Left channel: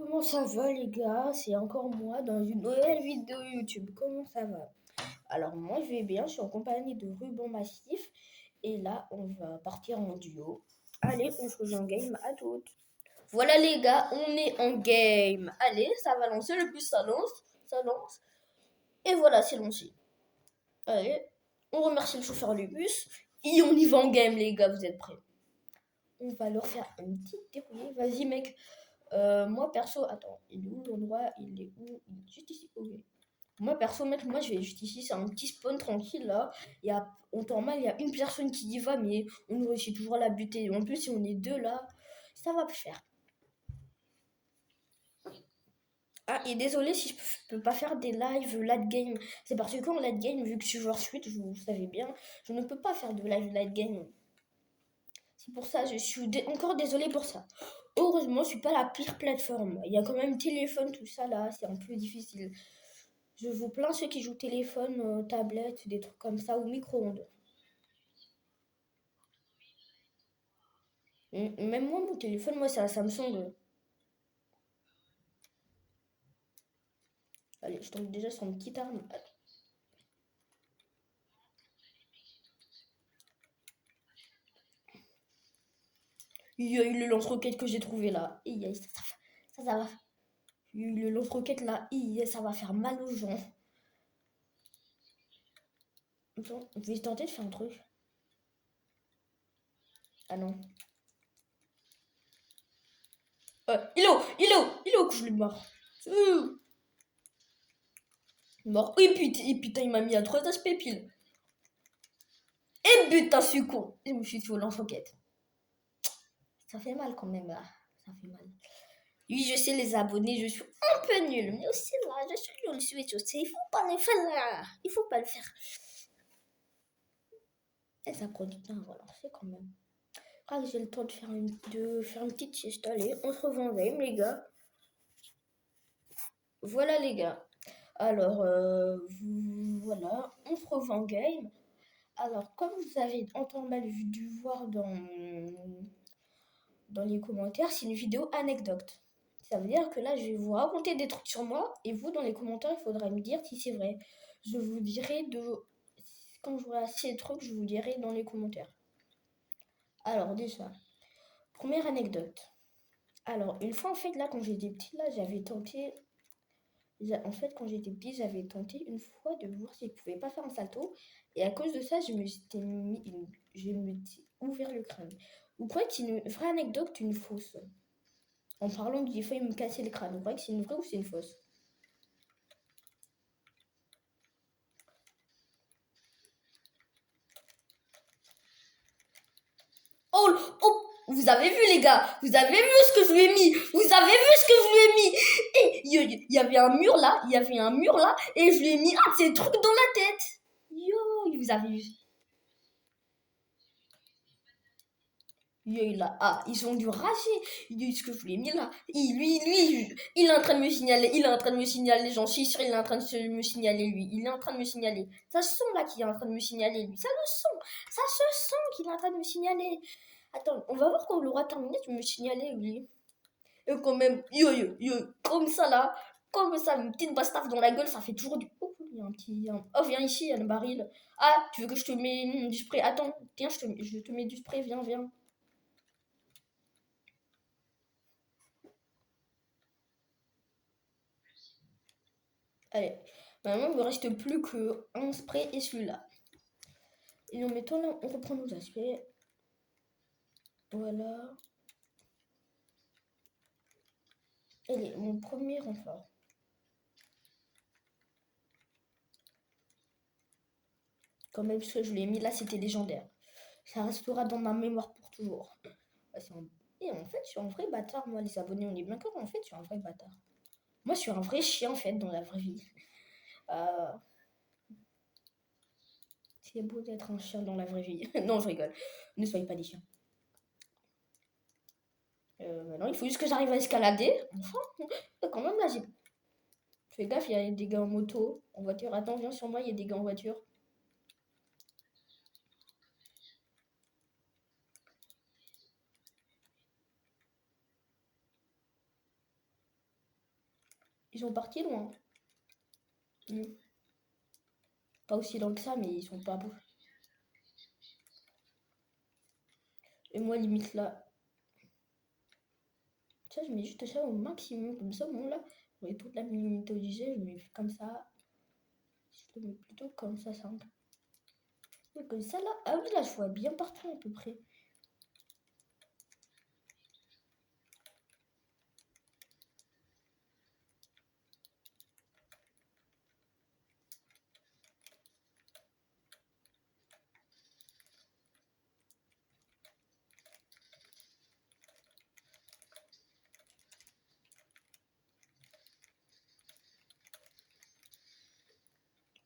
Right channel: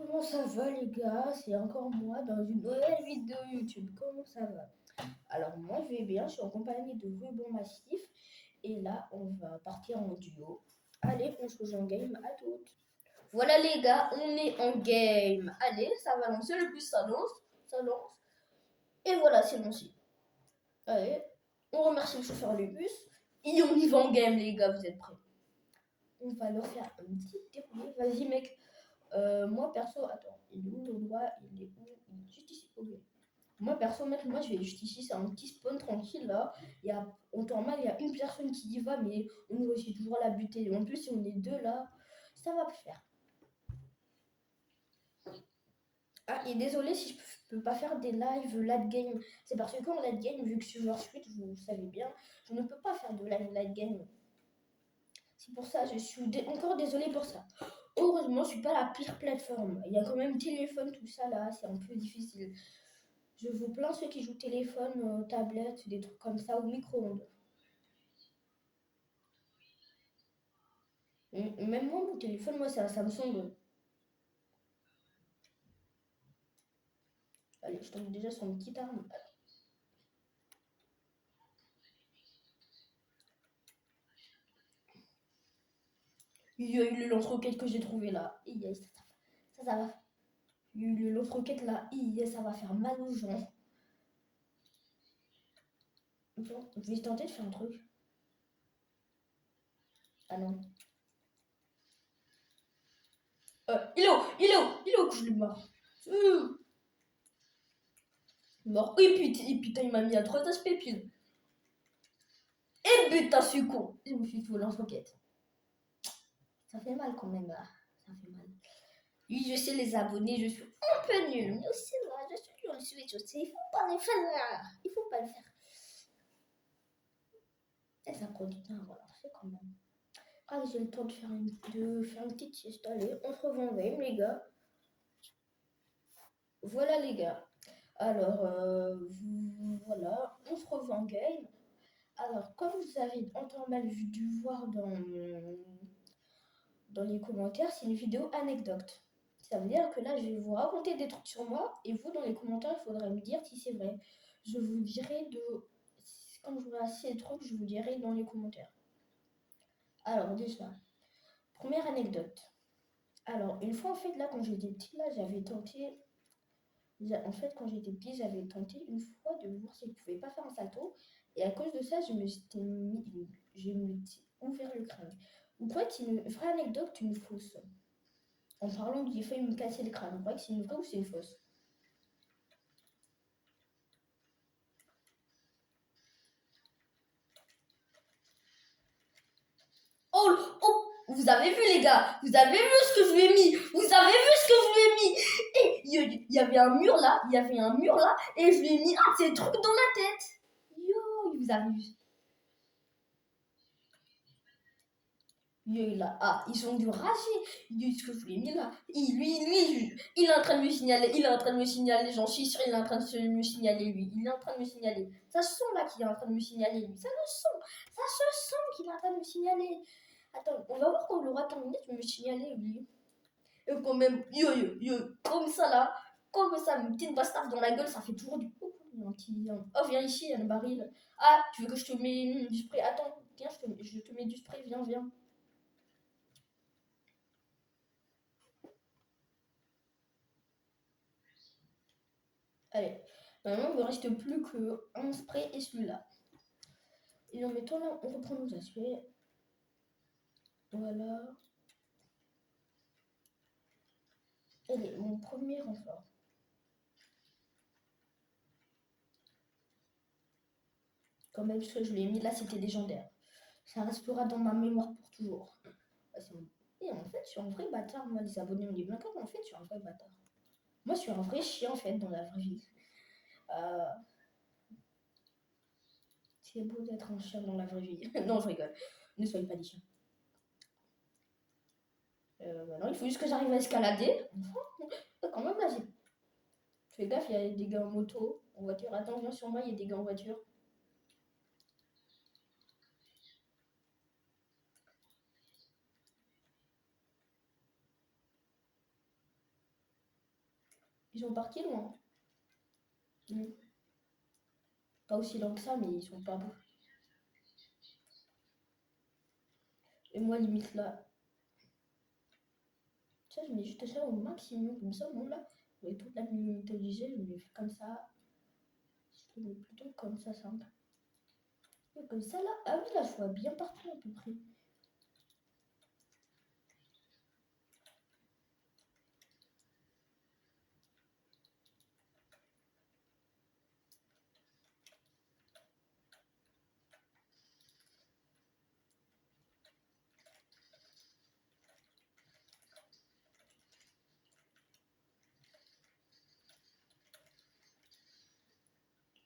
Comment ça va les gars? C'est encore moi dans une nouvelle vidéo YouTube. Comment ça va? Alors moi je vais bien, je suis en compagnie de Ruban Massif et là on va partir en duo. Allez, on se rejoint en game à toutes. Voilà les gars, on est en game. Allez, ça va lancer, le plus ça lance, ça lance. Et voilà, c'est lancé. Allez, on remercie le chauffeur du bus et on y va en game les gars, vous êtes prêts? On va leur faire une petite déroulée. Vas-y mec. Moi perso, attends, il est où l'endroit? Il est où? Il est juste ici. Ok. Moi perso, mec, moi je vais juste ici, c'est un petit spawn tranquille là. En temps mal, il y a une personne qui y va, mais on réussit toujours à la buter. En plus, si on est deux là, ça va le faire. Ah, et désolé si je peux pas faire des lives late game. C'est parce que en late game, vu que je suis joueur suite, vous savez bien, je ne peux pas faire de live late game. C'est pour ça, je suis encore désolé pour ça. Heureusement, je suis pas la pire plateforme. Il y a quand même téléphone, tout ça là, c'est un peu difficile. Je vous plains ceux qui jouent téléphone, tablette, des trucs comme ça, ou micro-ondes. Même moi, mon téléphone, moi, c'est un Samsung. Allez, je tombe déjà sur une petite arme. Il y a eu le lance-roquette que j'ai trouvé là. Ça va. Il y a eu le lance-roquette là. Ça va faire mal aux gens. Attends, je vais tenter de faire un truc. Ah non. Il est où que je l'ai mort. Mort. Et putain, il m'a mis à 3 aspects pile. Et putain, je suis con. Je me suis fait au lance-roquette. Ça fait mal quand même, là. Ça fait mal. Oui, je sais, les abonnés, je suis un peu nul. Mais aussi, là, je suis nul sur les choses. Il faut pas le faire. Il faut pas le faire. Et ça prend du temps à relancer quand même. Ah, j'ai le temps de faire une petite sieste. Allez, on se revoit en game, les gars. Voilà, les gars. Alors, voilà, on se revoit en game. Alors, comme vous avez dû voir dans les commentaires, c'est une vidéo anecdote. Ça veut dire que là, je vais vous raconter des trucs sur moi et vous, dans les commentaires, il faudra me dire si c'est vrai. Je vous dirai quand je vois assez de trucs, je vous dirai dans les commentaires. Alors, déjà, première anecdote. Alors, une fois, en fait, là, quand j'étais petit, là, j'avais tenté. En fait, quand j'étais petit, j'avais tenté une fois de voir si je pouvais pas faire un salto. Et à cause de ça, je me suis ouvert le crâne. Vous croyez que c'est une vraie anecdote ou une fausse? En parlant que j'ai failli me casser le crâne. Vous croyez que c'est une vraie ou c'est une fausse? Oh, oh, vous avez vu les gars? Vous avez vu ce que je lui ai mis? Vous avez vu ce que je lui ai mis? Et il y avait un mur là, et je lui ai mis un de ces trucs dans la tête. Yo, vous avez vu? Ils ont dû rager. Ce que je lui ai mis là. Il est en train de me signaler. Il est en train de me signaler. J'en suis sûr, il est en train de me signaler, lui. Il est en train de me signaler. Ça se sent là qu'il est en train de me signaler, lui. Ça le sent. Ça se sent qu'il est en train de me signaler. Attends, on va voir quand il aura terminé de me signaler, lui. Et quand même, comme ça là. Comme ça, une petite bastave dans la gueule, ça fait toujours du. Oh, il y a un petit. Oh, viens ici, il y a le baril. Ah, tu veux que je te mette du spray? Attends, tiens, je te mets du spray, viens, viens. Allez, maintenant il ne me reste plus qu'un spray et celui-là. Et en mettant là, on reprend nos aspects. Voilà. Allez, mon premier renfort. Quand même, ce que je l'ai mis là, c'était légendaire. Ça restera dans ma mémoire pour toujours. Et en fait, je suis un vrai bâtard, moi, les abonnés, on est bien d'accord, en fait, je suis un vrai bâtard. Moi, je suis un vrai chien, en fait, dans la vraie vie. Euh, C'est beau d'être un chien dans la vraie vie. Non, je rigole. Ne soyez pas des chiens. Non, il faut juste que j'arrive à escalader. Enfin, quand même, là, j'ai. Fais gaffe, il y a des gars en moto, en voiture. Attends, viens sur moi, il y a des gars en voiture. Ils sont partis loin. Pas aussi loin que ça, mais ils sont pas beaux. Et moi, limite là. Ça, je mets juste ça au maximum. Comme ça, bon là, pour toute la minute obligée, je mets comme ça. Je le mets plutôt comme ça, simple. Et comme ça là. Ah oui, là, je vois bien partout à peu près.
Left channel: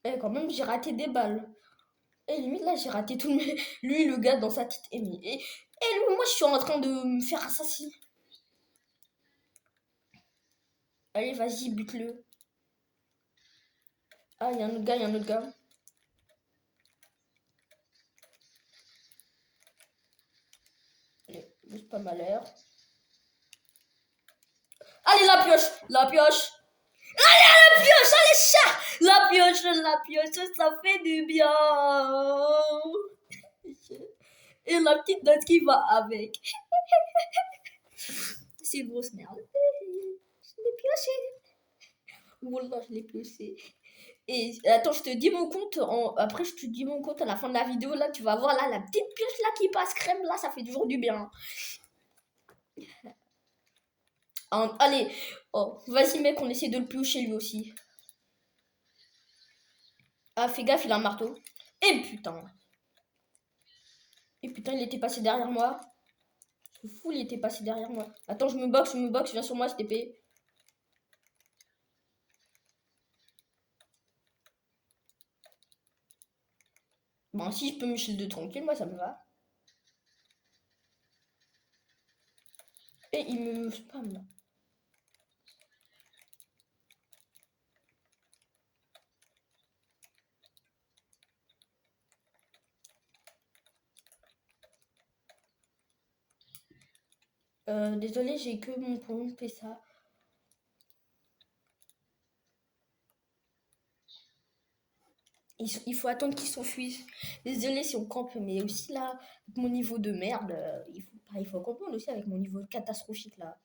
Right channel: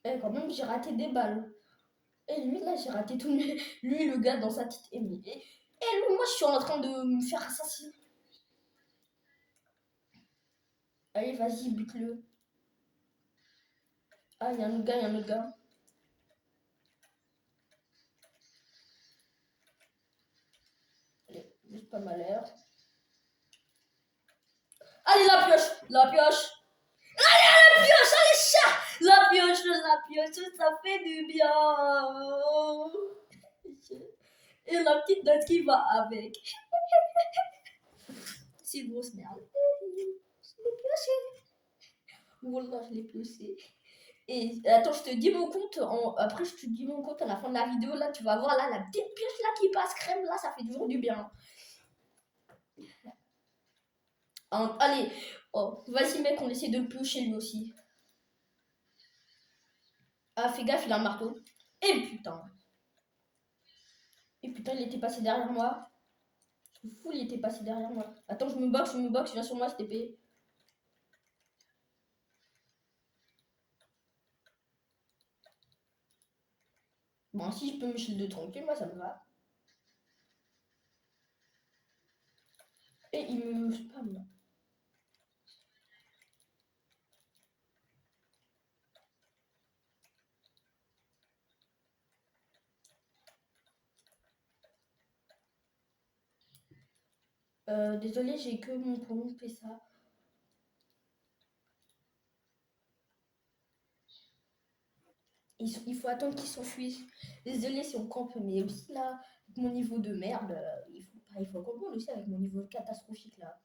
Et quand même, j'ai raté des balles. Et limite, là, j'ai raté tout le... Lui, le gars, dans sa petite émi. Et lui, moi, je suis en train de me faire assassiner. Allez, vas-y, bute-le. Ah, il y a un autre gars, il y a un autre gars. Allez, juste pas mal l'air. Allez, la pioche! La pioche! Allez, la pioche! Allez, chat! La pioche, ça fait du bien! Et la petite note qui va avec. C'est une grosse merde. Je l'ai pioché. Voilà, je l'ai pioché. Et attends, je te dis mon compte. Après, je te dis mon compte à la fin de la vidéo. Là, tu vas voir là, la petite pioche là qui passe crème. Là, ça fait toujours du bien. Allez, oh, vas-y, mec, on essaie de le piocher lui aussi. Ah, fais gaffe, il a un marteau. Et putain. Et putain, il était passé derrière moi. C'est fou, il était passé derrière moi. Attends, je me boxe, viens sur moi, cette épée. Bon, si je peux me shield tranquille, moi, ça me va. Et il me spam là. Désolé, j'ai que mon point fait ça. Il faut attendre qu'ils s'enfuient. Désolé si on campe, mais aussi là, avec mon niveau de merde, il faut comprendre aussi avec mon niveau catastrophique là.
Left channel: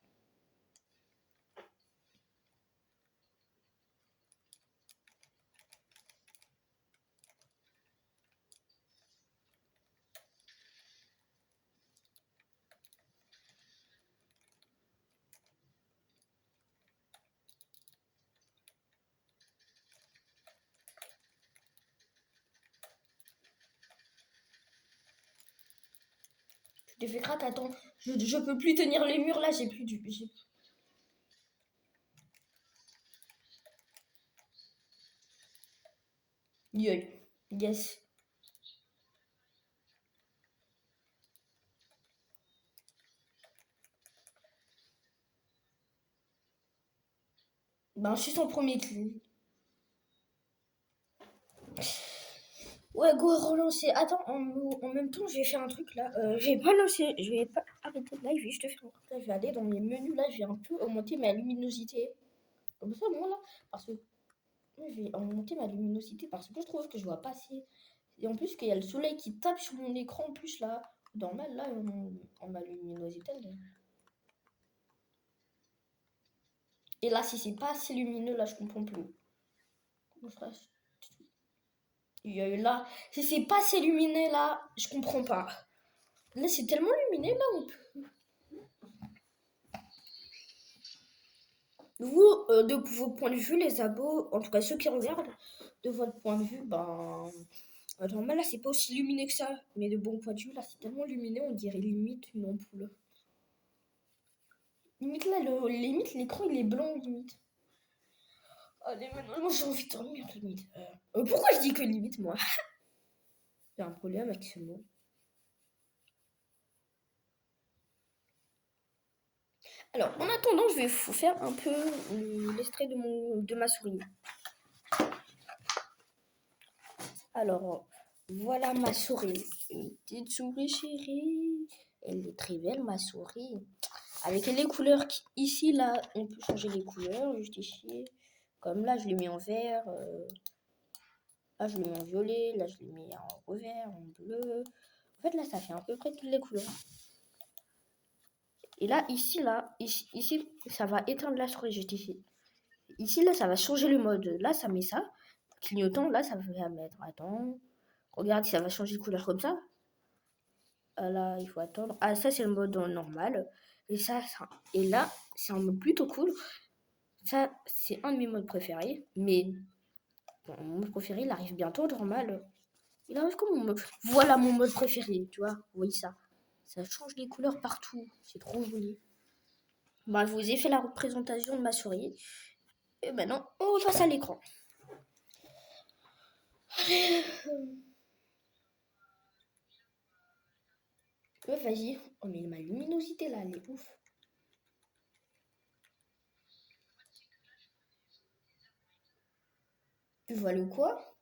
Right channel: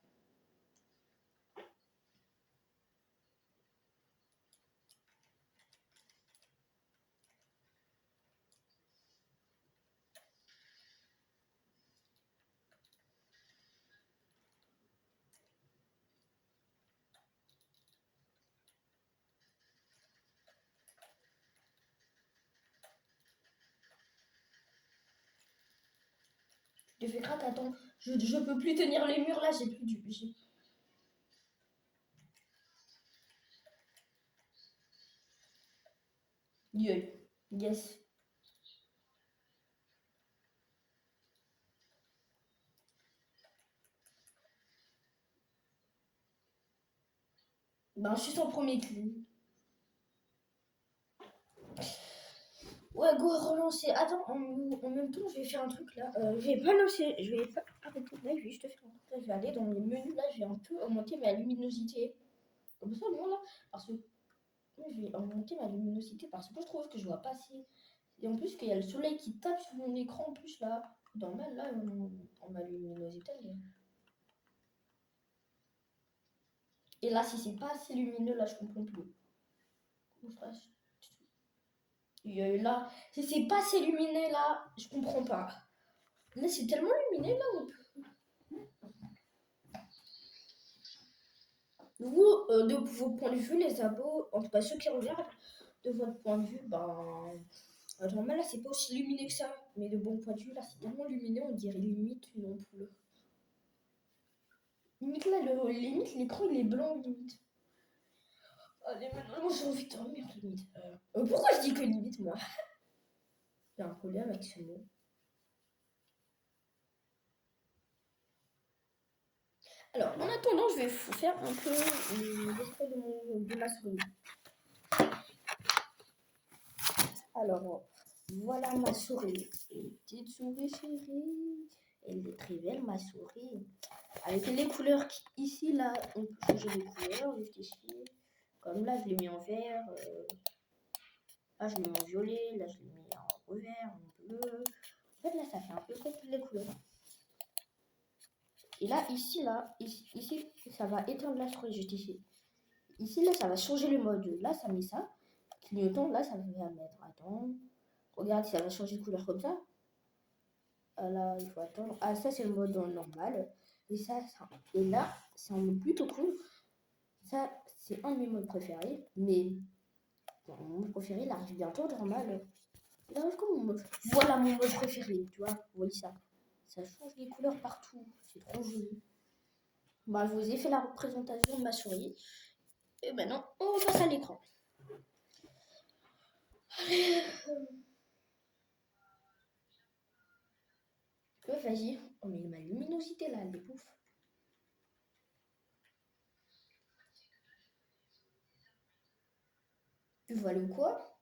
Je te fais crack, attends. Je peux plus tenir les murs là, j'ai plus du. Yes. Ben, je suis son premier kill. Ouais, go relancer. Attends, en même temps, je vais faire un truc là. Je vais pas lancer, je vais pas arrêter de live, je vais juste faire un truc là. Je vais aller dans mes menus là, je vais un peu augmenter ma luminosité. Comme ça, moi là, parce que je vais augmenter ma luminosité parce que je trouve que je vois pas assez. Et en plus, qu'il y a le soleil qui tape sur mon écran en plus là. Normal, là, on ma luminosité. Et là, si c'est pas assez lumineux, là, je comprends plus. Comment je fasse? Là, si c'est pas assez lumineux, là, je comprends pas. Là, c'est tellement lumineux, là, on peut... Vous, de vos points de vue, les abos, en tout cas ceux qui regardent, de votre point de vue, ben... Normal, là, c'est pas aussi lumineux que ça. Mais de bon point de vue, là, c'est tellement lumineux, on dirait limite une ampoule. Limite, là, limite, l'écran, il est blanc, limite. Allez, maintenant, j'ai envie de dormir, limite. Pourquoi je dis que limite, moi? J'ai un problème avec ce mot. Alors, en attendant, je vais vous faire un peu l'extrait de ma souris. Alors, voilà ma souris. Une petite souris chérie. Elle est très belle, ma souris. avec les couleurs ici, là, on peut changer les couleurs, juste ici. Comme là, je l'ai mis en vert. Là, je l'ai mis en violet. Là, je l'ai mis en vert, en bleu. En fait, là, ça fait à peu près toutes les couleurs. Et là, ici, ça va éteindre la souris juste ici. Ici, là, ça va changer le mode. Là, ça met ça. Clignotant, là, ça va mettre. Attends. Regarde, ça va changer de couleur comme ça. Là, il faut attendre. Ah, ça, c'est le mode normal. Et et là, c'est un mode plutôt cool. Ça, c'est un de mes modes préférés. Mais bon, mon mode préféré, il arrive bientôt normal. Il arrive comme mon mode. Voilà mon mode préféré, tu vois. Vous voyez ça. Ça change les couleurs partout. C'est trop joli. Bah, je vous ai fait la représentation de ma souris. Et maintenant, on repasse à l'écran. Vas-y. Oh, mais ma luminosité là, elle est ouf. Tu vois le quoi?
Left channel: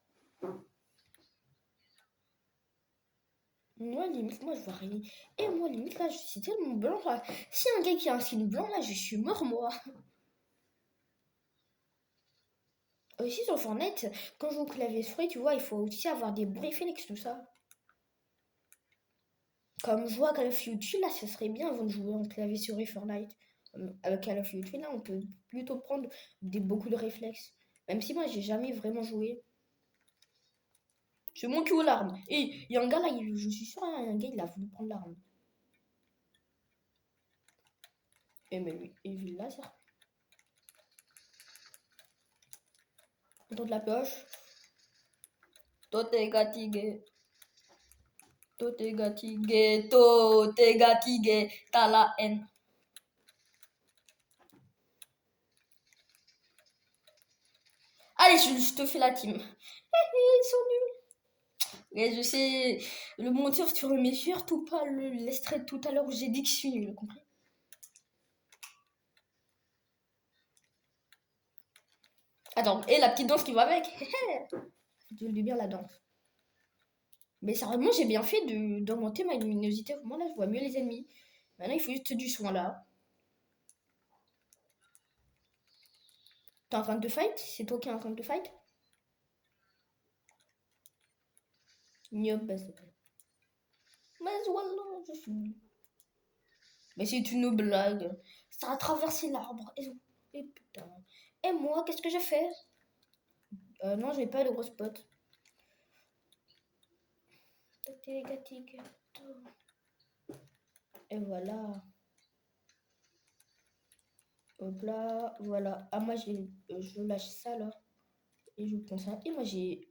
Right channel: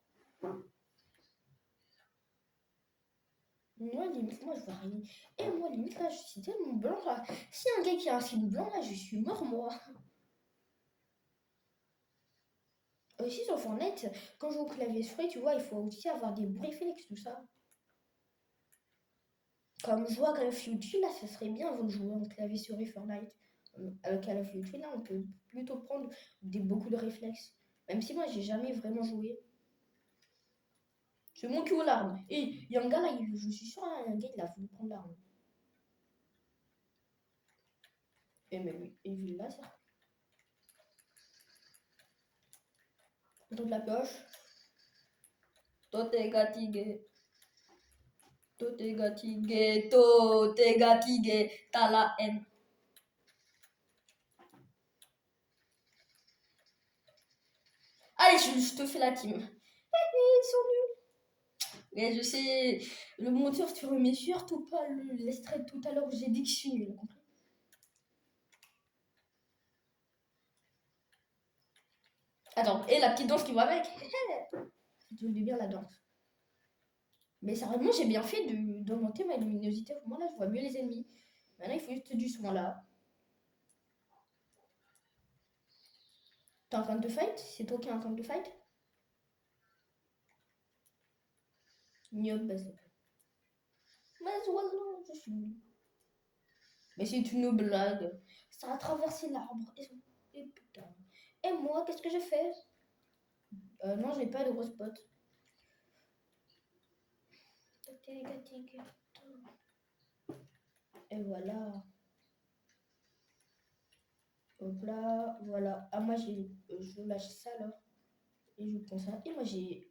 Moi, limite, moi, je vois rien. Et moi, limite, là, je suis tellement blanc. Là. Si un gars qui a un skin blanc, là, je suis mort, moi. Aussi, sur Fortnite, quand je joue au clavier souris, tu vois, il faut aussi avoir des bruits Phoenix, tout ça. Comme je joue à Call of Duty, là, ça serait bien avant de jouer en clavier souris Fortnite. Avec Call of Duty, là, on peut plutôt prendre beaucoup de réflexes. Même si moi, j'ai jamais vraiment joué. C'est mon qui aux larmes. Et il y a un gars là, je suis sûr, il y a un gars, il a voulu prendre l'arme. Et mais lui, il vit là, ça. Dans de la poche. Toi, t'es fatigué. Toi, t'es fatigué. Toi, t'es fatigué. T'as la haine. Allez, je te fais la team. Ils sont nuls. Et je sais, le monteur, tu remets surtout pas l'extrait de tout à l'heure où j'ai dit que je suis nul, compris? Attends, et la petite danse qui va avec. Je dis bien la danse. Mais sérieusement, j'ai bien fait d'augmenter ma luminosité. Vraiment, là, je vois mieux les ennemis. Maintenant, il faut juste du soin là. T'es en train de fight? C'est toi qui es en train de fight? Mieux, bah c'est pas. Mais voilà, je suis. Mais c'est une blague. Ça a traversé l'arbre. Et putain. Et moi, qu'est-ce que j'ai fait? Non, j'ai pas de gros spot. Et voilà. Hop là, voilà. Ah, moi, je lâche ça là. Et je prends ça. Et moi, j'ai.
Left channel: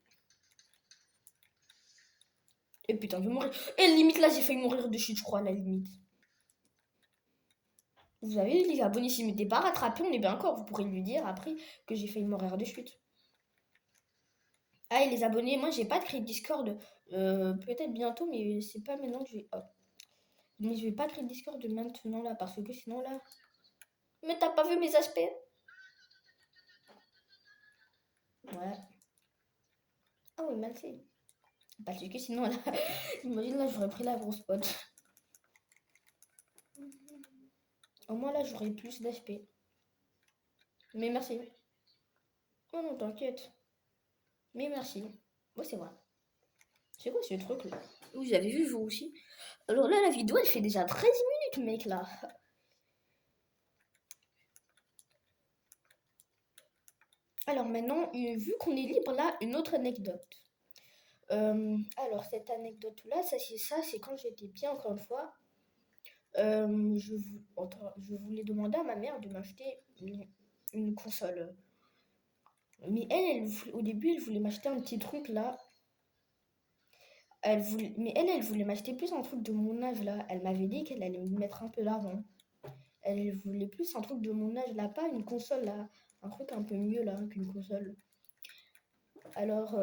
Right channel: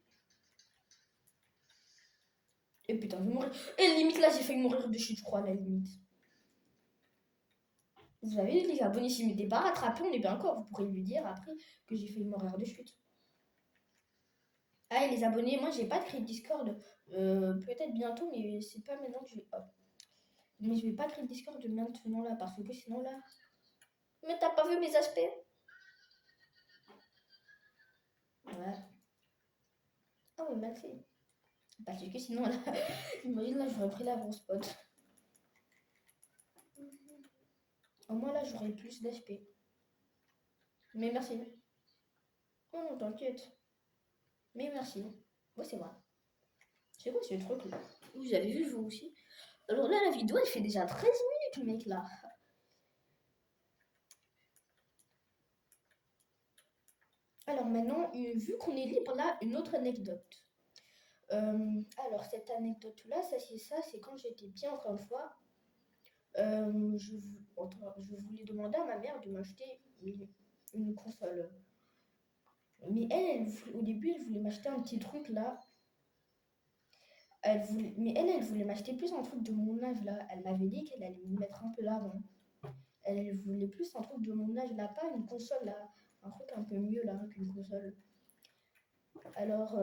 Et putain, je vais mourir. Et limite, là, j'ai failli mourir de chute, je crois, à la limite. Vous avez les abonnés, s'ils ne m'étaient pas rattrapés, on est bien encore. Vous pourrez lui dire après que j'ai failli mourir de chute. Ah, et les abonnés, moi, j'ai pas de créer Discord. Peut-être bientôt, mais c'est pas maintenant que je vais. Hop. Mais je vais pas créer Discord maintenant là, parce que sinon là. Mais t'as pas vu mes aspects? Ouais. Ah oui, merci. Parce que sinon là, imagine là, j'aurais pris la grosse pote. Au moins là, j'aurais plus d'HP. Mais merci. Oh non, t'inquiète. Mais merci. Ouais, c'est vrai. C'est quoi ce truc là? Vous avez vu vous aussi? Alors là, la vidéo, elle fait déjà 13 minutes, mec, là. Alors maintenant, vu qu'on est libre, là, une autre anecdote. Alors cette anecdote-là, c'est quand j'étais bien, encore une fois. Je voulais demander à ma mère de m'acheter une console. Mais au début, elle voulait m'acheter un petit truc là. Elle voulait m'acheter plus un truc de mon âge là. Elle m'avait dit qu'elle allait me mettre un peu d'argent. Elle voulait plus un truc de mon âge là, pas une console là. Un truc un peu mieux là qu'une console. Alors,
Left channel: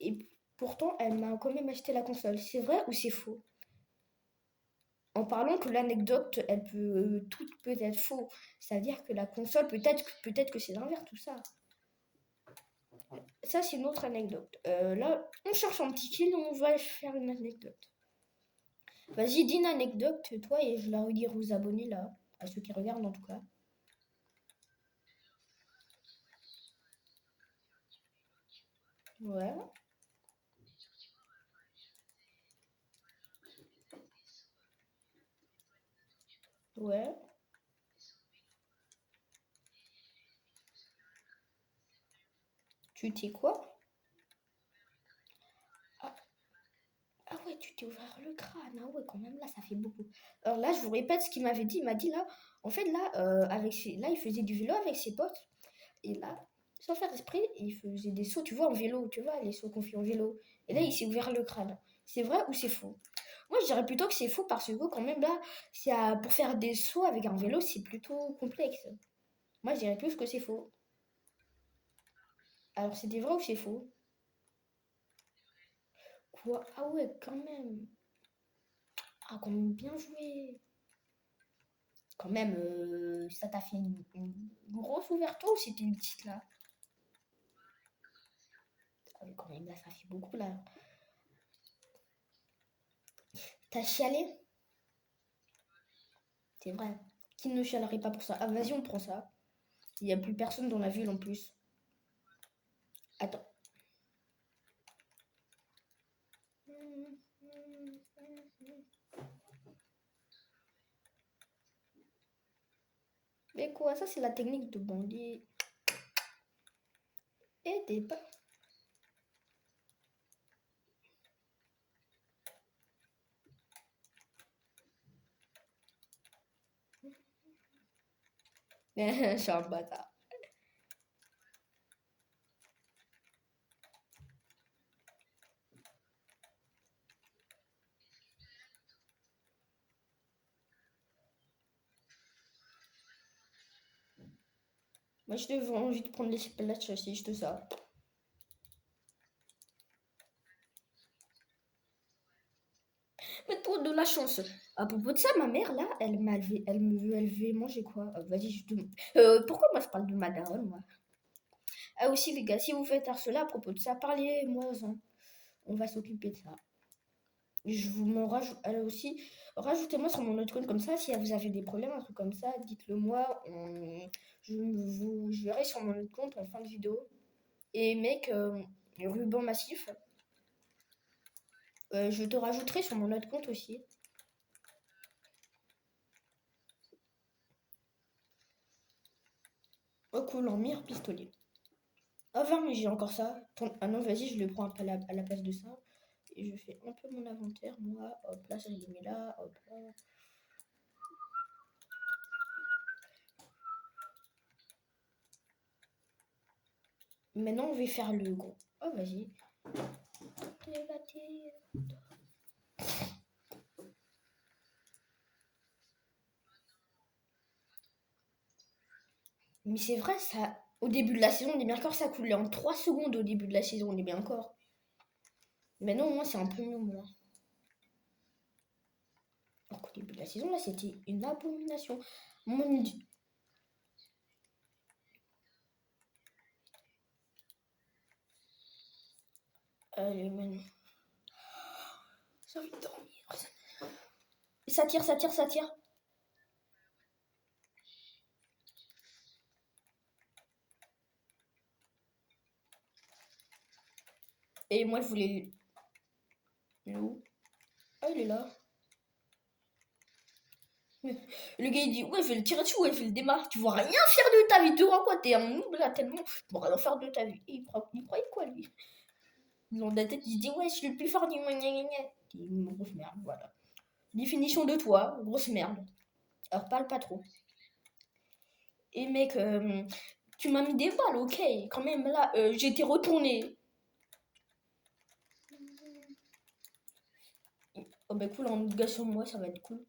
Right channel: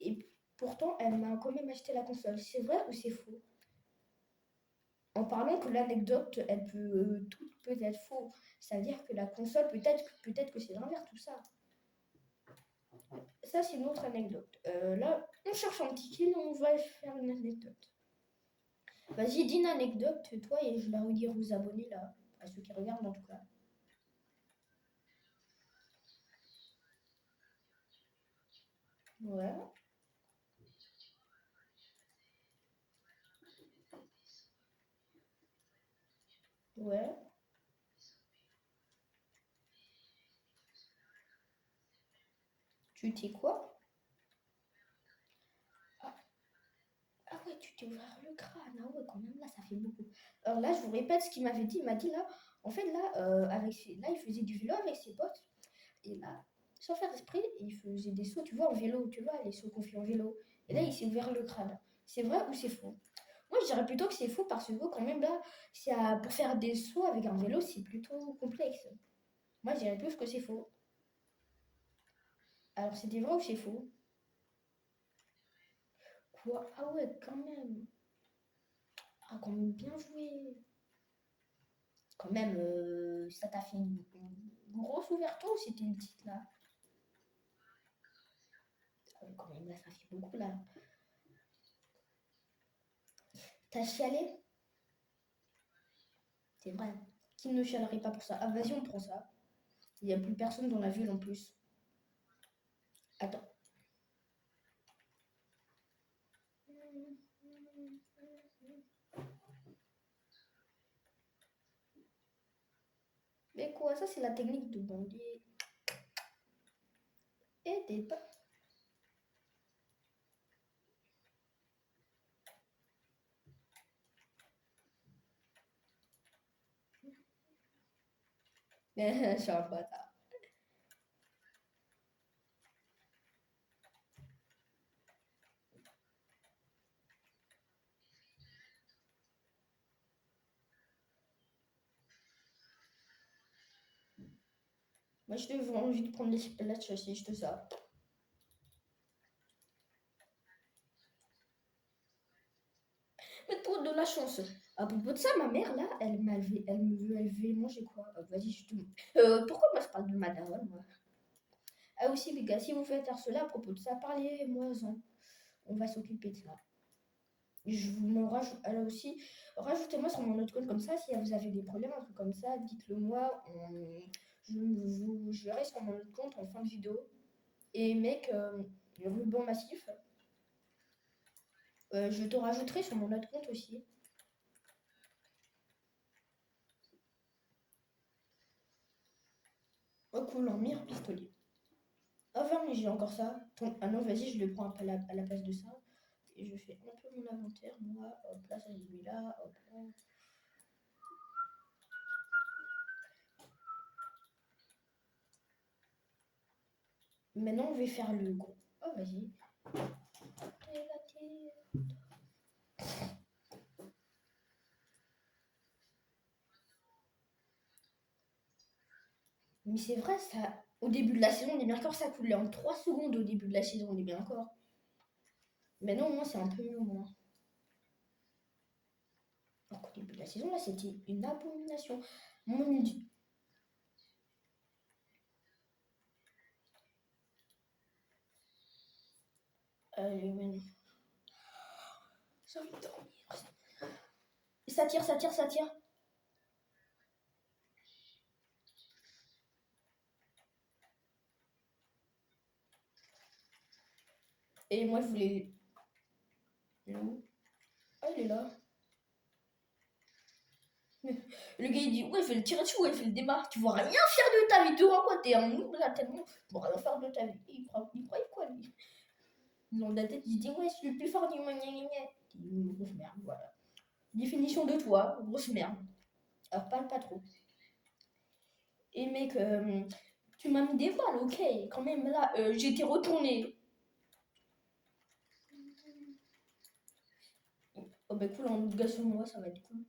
et pourtant, elle m'a quand même acheté la console. C'est vrai ou c'est faux? En parlant que l'anecdote, tout peut être faux. C'est-à-dire que la console, peut-être que c'est l'inverse, tout ça. Ça, c'est une autre anecdote. Là, on cherche un petit kill, on va faire une anecdote. Vas-y, dis une anecdote, toi, et je la redire aux abonnés, là. à ceux qui regardent en tout cas. Ouais. Ouais. Tu t'es quoi? Ah, ah ouais, tu t'es ouvert le crâne. Ah ouais, quand même, là, ça fait beaucoup. Alors là, je vous répète ce qu'il m'avait dit. Il m'a dit là, en fait, là, là, il faisait du vélo avec ses potes. Et là, sans faire exprès, il faisait des sauts, tu vois, en vélo, tu vois, les sauts qu'on fait en vélo. Et là, il s'est ouvert le crâne. C'est vrai ou c'est faux? Moi, je dirais plutôt que c'est faux parce que quand même, là, pour faire des sauts avec un vélo, c'est plutôt complexe. Moi, je dirais plus que c'est faux. Alors, c'était vrai ou c'est faux? Quoi? Ah ouais, quand même. Ah, quand même, bien joué. Quand même, ça t'a fait une grosse ouverture ou c'était une petite là? Ah oui, quand même, là, ça fait beaucoup là. T'as chialé? C'est vrai. Qui ne chialerait pas pour ça? Ah, vas-y, on prend ça. Il n'y a plus personne dans la ville en plus. Attends. Mais quoi, ça c'est la technique de bandit. Et des pas. C'est un bâtard. Moi, je devais envie de prendre les palettes aussi, je te ça. Mais toi, de la chance. À propos de ça, ma mère, là, elle me veut élever manger quoi? Vas-y, je te... pourquoi moi, je parle de ma daronne, moi? Ah aussi, les gars, si vous faites cela à propos de ça, parlez-moi-en. On va s'occuper de ça. Je vous m'en rajoute. Alors aussi, rajoutez-moi sur mon autre compte comme ça. Si vous avez des problèmes, un truc comme ça, dites-le moi. Je verrai sur mon autre compte en fin de vidéo. Et mec, ruban massif, je te rajouterai sur mon autre compte aussi. Oh cool, en mire pistolet. Enfin, mais j'ai encore ça. Ah non, vas-y, je le prends un peu à la place de ça. Et je fais un peu mon inventaire, moi. Hop là, je les mets là. Hop là. Maintenant, on va faire le gros. Oh, vas-y. Mais c'est vrai, ça. Au début de la saison, on est bien encore, ça coulait en 3 secondes au début de la saison, on est bien encore. Maintenant, au moins, c'est un peu mieux, moi. Alors qu'au début de la saison, là, c'était une abomination. Mon Dieu. Allez, maintenant. J'ai envie de dormir. Ça tire, ça tire, ça tire. Et moi, je voulais. Il est où? Ah, il est là. Le gars, il dit, ouais, je vais le tirer dessus, ouais, je vais le démarrer. Tu vas rien faire de ta vie, tu vois quoi? T'es un noob là, tellement. Tu vas rien faire de ta vie. Et il croyait quoi, lui? Dans la tête, il se dit, ouais, je suis le plus fort du monde. Une grosse merde, voilà. Définition de toi, grosse merde. Alors, parle pas trop. Et mec, tu m'as mis des balles, ok. Quand même, là, j'ai été retourné. Oh, bah cool, en gars sur moi, ça va être cool.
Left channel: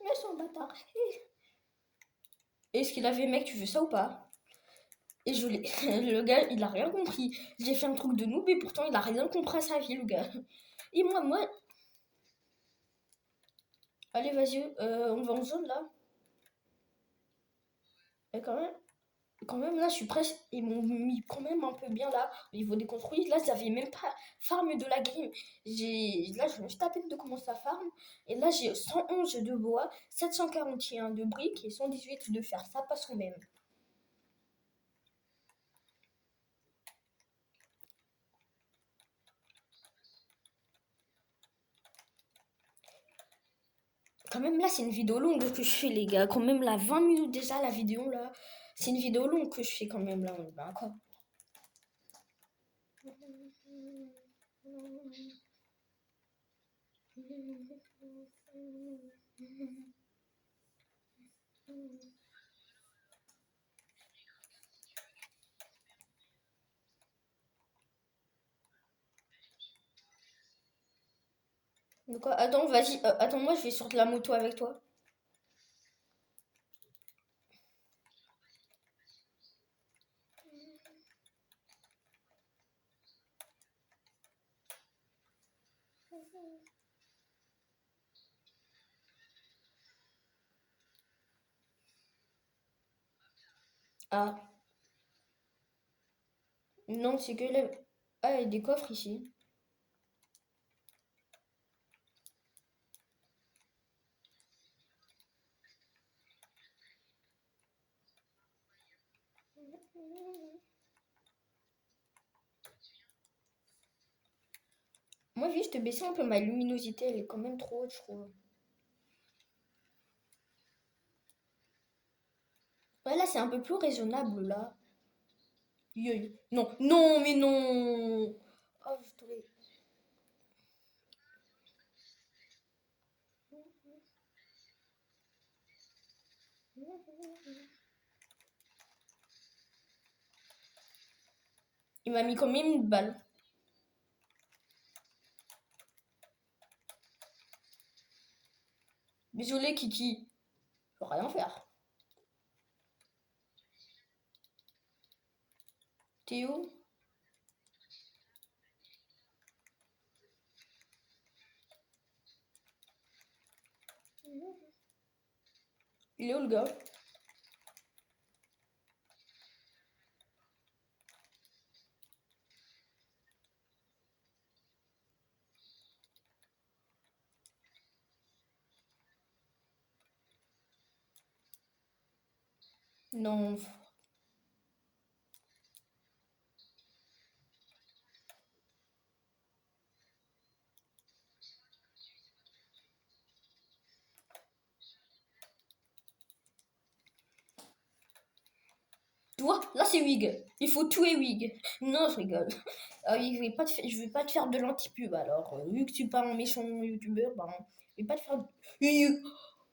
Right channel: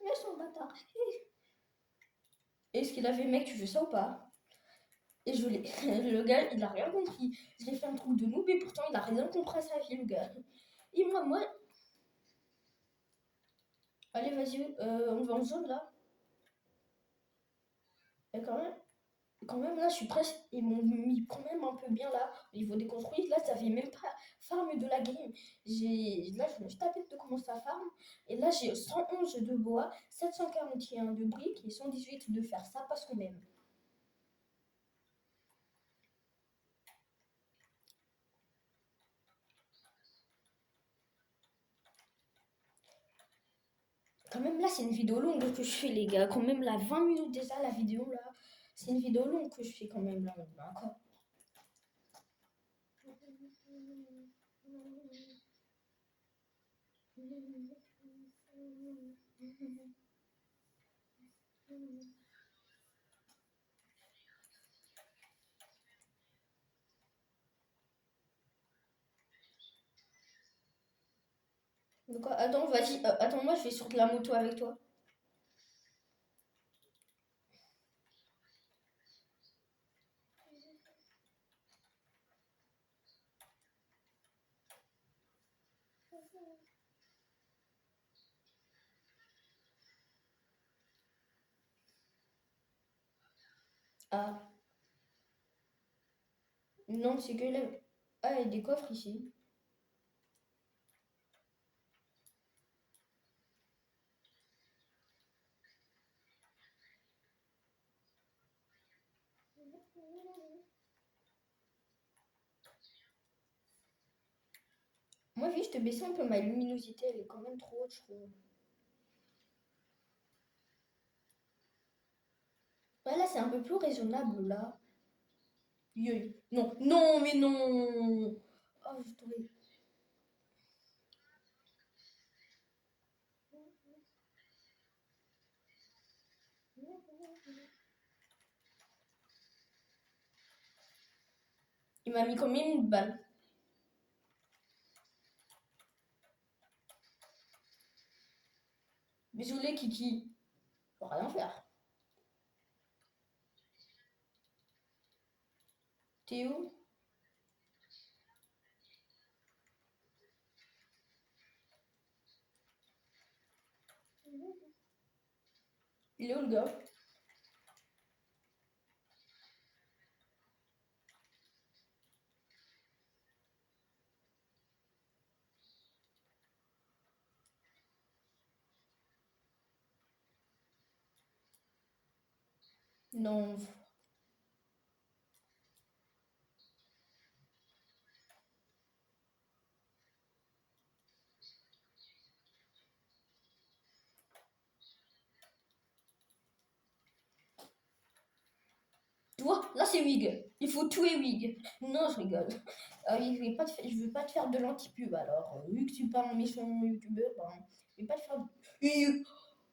Mais son bâtard. Est-ce qu'il avait, mec, tu fais ça ou pas? Et je l'ai. Le gars, il a rien compris. J'ai fait un truc de noob et pourtant, il a rien compris à sa vie, le gars. Et moi. Allez, vas-y, on va en zone là. Et quand même là, je suis presque. Ils m'ont mis quand même un peu bien là, au niveau des construits. Là, ça fait même pas farm de la game. Là, je me suis tapé de commencer à farm. Et là, j'ai 111 de bois, 741 de briques et 118 de fer. Ça passe quand même. Quand même, là, c'est une vidéo longue que je fais, les gars. Quand même, là, 20 minutes déjà, la vidéo, là. C'est une vidéo longue que je fais quand même, là. Encore. Donc, attends, vas-y. Attends, moi, je vais sur de la moto avec toi. Ah, non, c'est que là. Ah, il y a des coffres ici. Moi, juste baisser un peu ma luminosité, elle est quand même trop haute, je trouve. Ouais, là, c'est un peu plus raisonnable, là. Non, non, mais non. Oh, je trouvais. Il m'a mis quand même une balle. Désolé, Kiki. Je peux rien faire. T'es où? Il est où, le gars? Non. Toi, là, c'est Wig. Il faut tuer Wig. Non, je rigole. Je vais pas te faire de l'anti-pub, alors. Vu que tu parles en méchant youtubeur, ben, je vais pas te faire...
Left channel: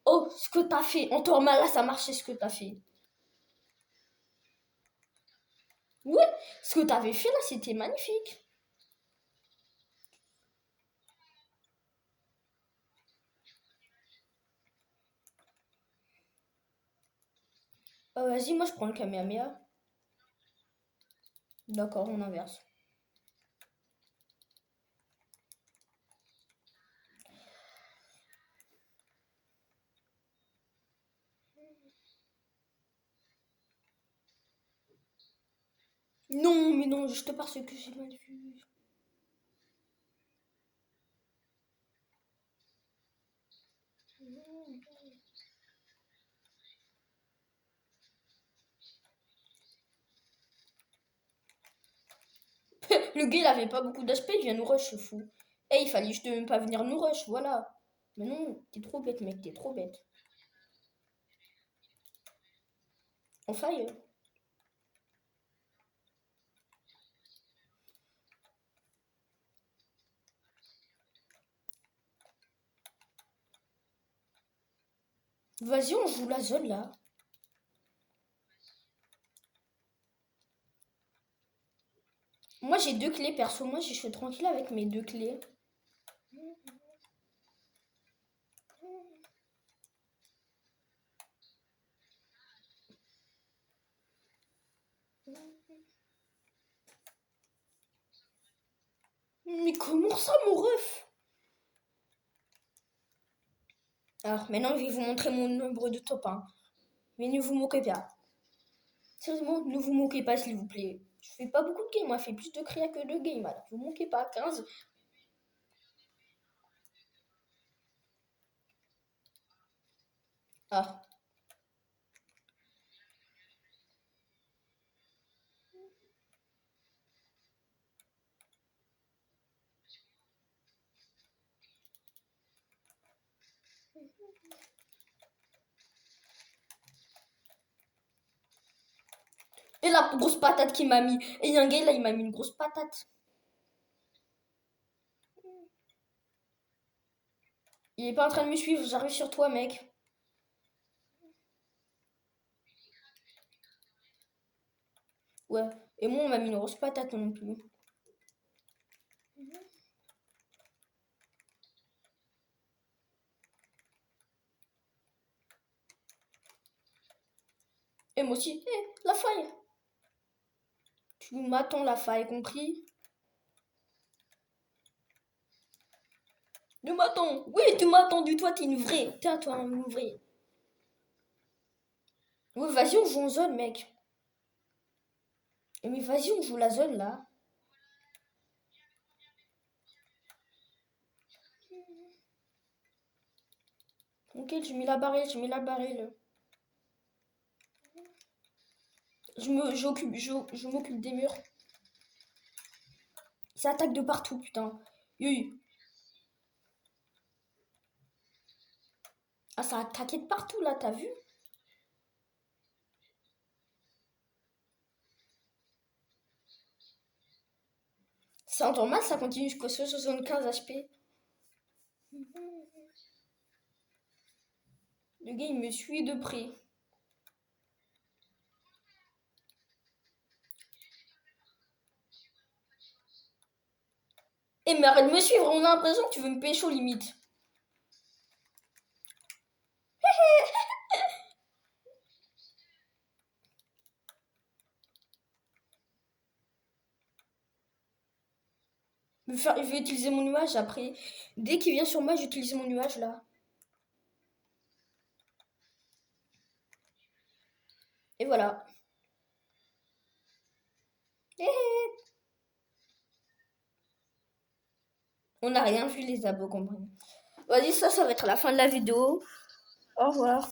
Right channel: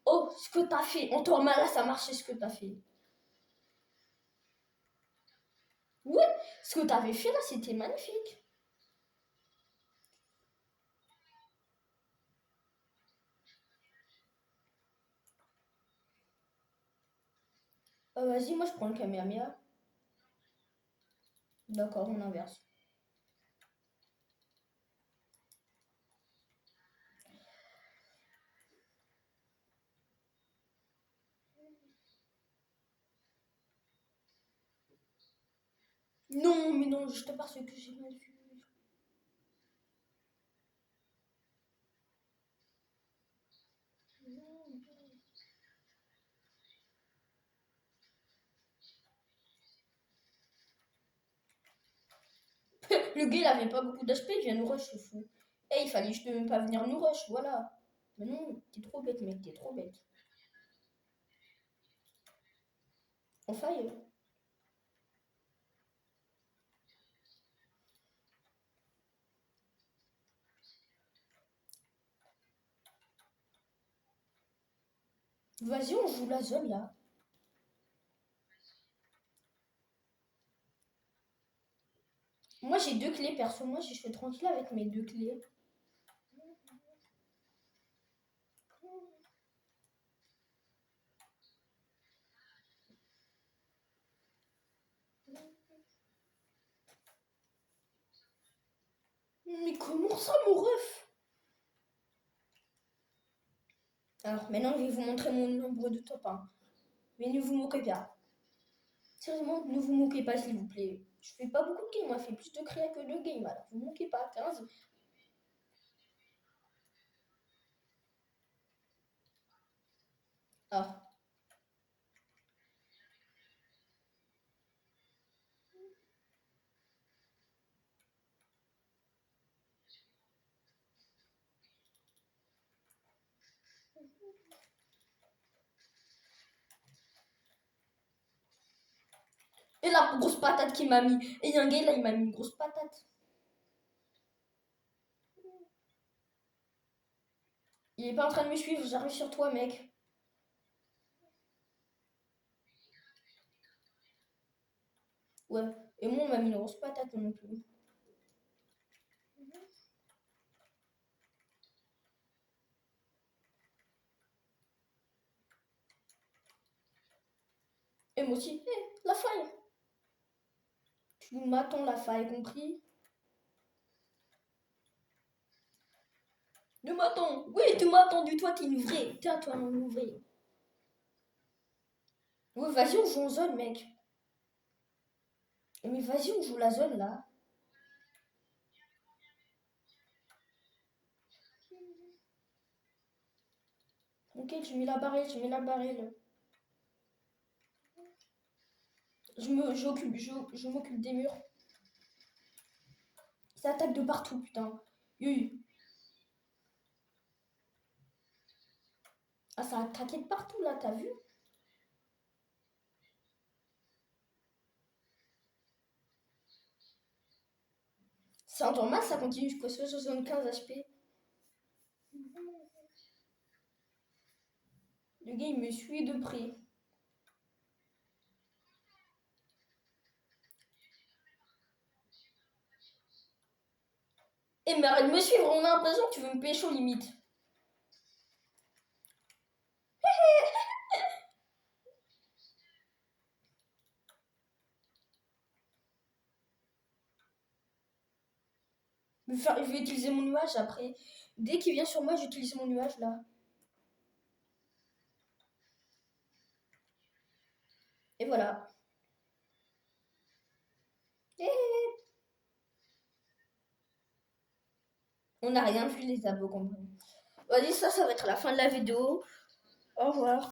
Oh, ce que t'as fait. En Torma, là, ça marchait, ce que t'as fait. Oui, ce que t'avais fait, là, c'était magnifique. Vas-y, moi, je prends le Kamehameha. D'accord, on inverse. Non, mais non, juste parce que j'ai mal vu. Le gars, il avait pas beaucoup d'aspect, il vient nous rush, ce fou. Eh, il fallait juste même pas venir nous rush, voilà. Mais non, t'es trop bête, mec, t'es trop bête. On faille. Vas-y, on joue la zone, là. Moi, j'ai deux clés, perso. Moi, je suis tranquille avec mes deux clés. Mais comment ça, mon ref? Alors maintenant, je vais vous montrer mon nombre de top 1. Mais ne vous moquez pas. Sérieusement, ne vous moquez pas, s'il vous plaît. Je fais pas beaucoup de games, moi, je fais plus de créa que de games. Alors, vous moquez pas, 15. Ah. Et la grosse patate qu'il m'a mis. Et il y a un gars là, il m'a mis une grosse patate. Il est pas en train de me suivre, j'arrive sur toi, mec. Ouais. Et moi, on m'a mis une grosse patate non plus. Et moi aussi. La faille. Tu m'attends, la faille, compris? Tu m'attends. Oui, tu m'as attendu. Toi, t'es une vraie. T'es à toi, une vraie. Ouais, vas-y, on joue en zone, mec. Mais vas-y, on joue la zone, là. Ok, j'ai mis la barrelle, j'ai mis la barrelle. Je m'occupe des murs. Ça attaque de partout, putain. Oui. Ah, ça a attaqué de partout, là, t'as vu? C'est normal, ça continue jusqu'au 75 HP. Le gars, il me suit de près. Eh, mais arrête de me suivre, on a l'impression que tu veux me pécho, limite. Je vais utiliser mon nuage après. Dès qu'il vient sur moi, j'utilise mon nuage, là. Et voilà. On n'a rien vu, les abos, compris. Vas-y, ça va être la fin de la vidéo. Au revoir.